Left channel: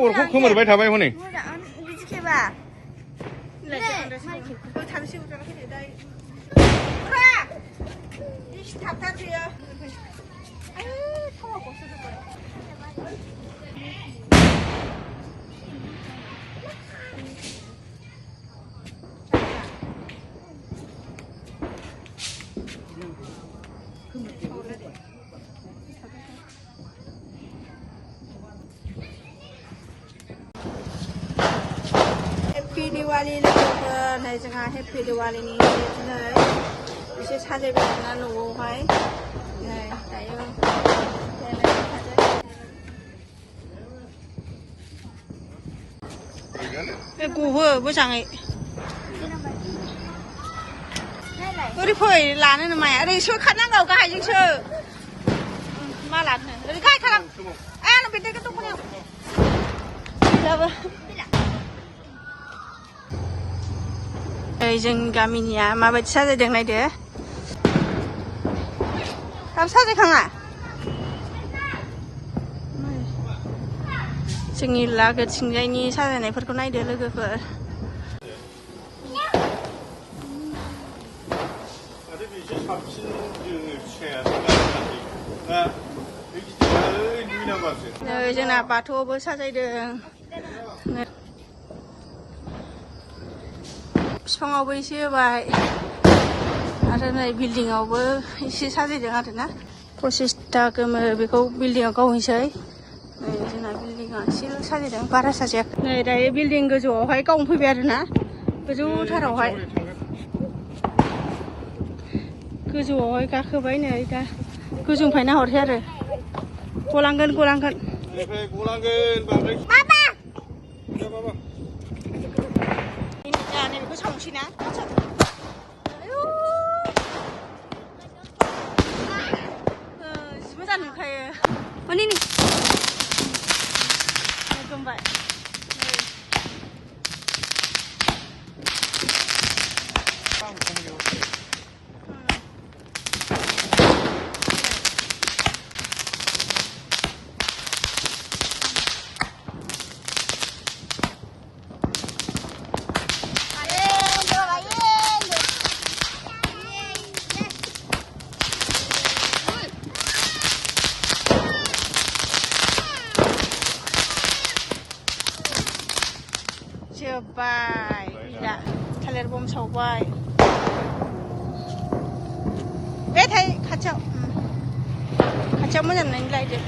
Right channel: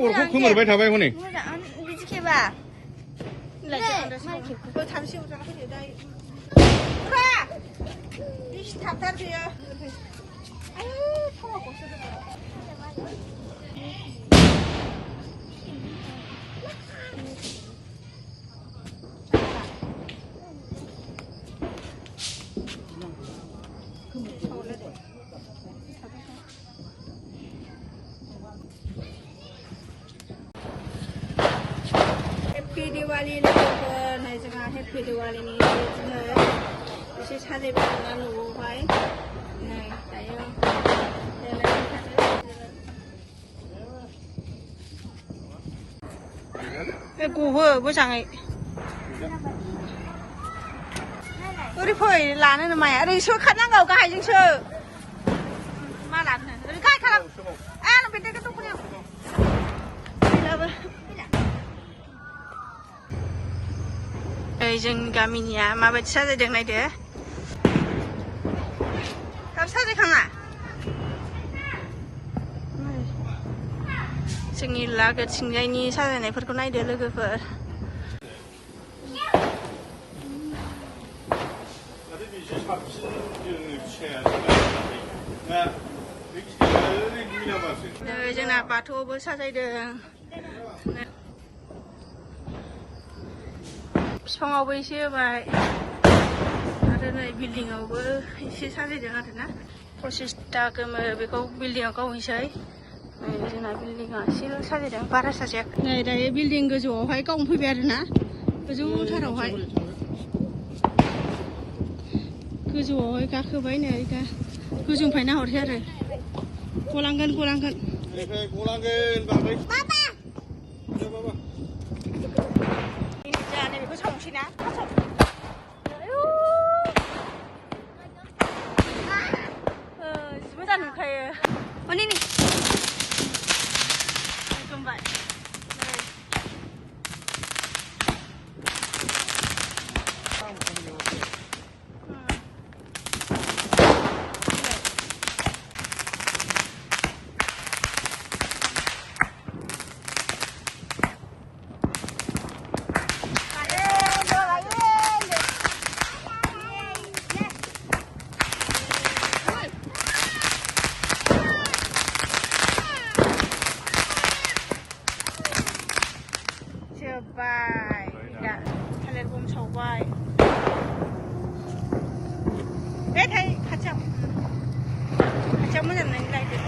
우리 콩을 왜 잡아요, honey? 봐. 그 잠시 후에 해 다. 그래. 이 답답해요. 아유, 통화 못 쓰는 거야. 해피 디와리 này chẳng hạn happy Diwali như thế này mình sẽ thay cái này nó nụ hoài này cái cái củ vừa bữa sáng ấy đi phơi lá này mày ở đây suốt khát năng đầu cái gì chưa mà làm này đi khai khai làm nó bị cái túc nhau जों गामिनिया माबायदि साजायदों नायदो दाबो साजायखाङा जोंनि लागोथिंजायनि साजायनायफोरखौ नायदो लोगोफोर जोंना बाथौआवबो साजायदों बिफाङावबो एसे होबाय आरो नै बिल्डिंआवबो एसे साजायदों आरोना 25टा गोमो बेखौ बिल्डिंआव गावहैसै नै जोंना बिल्डिंआ एसेल' साजायदों बारा साजायाखै नै दायो बिल्डिं गोजौआवहाय गावनो फैबाय आरोना गोजौथारावहाय गोजौआवहाय गाखोबाय नै दा गोजौनिफ्राय नाहरसै आरो गलांगोन बाबा नैबेखौ सावनोसै ना जि मोजां नुखायो हनै नै गोमबाय जोब्बाय दा थालिर बम सावबाय बे थाइ खाथियाव मोजां नायलायदो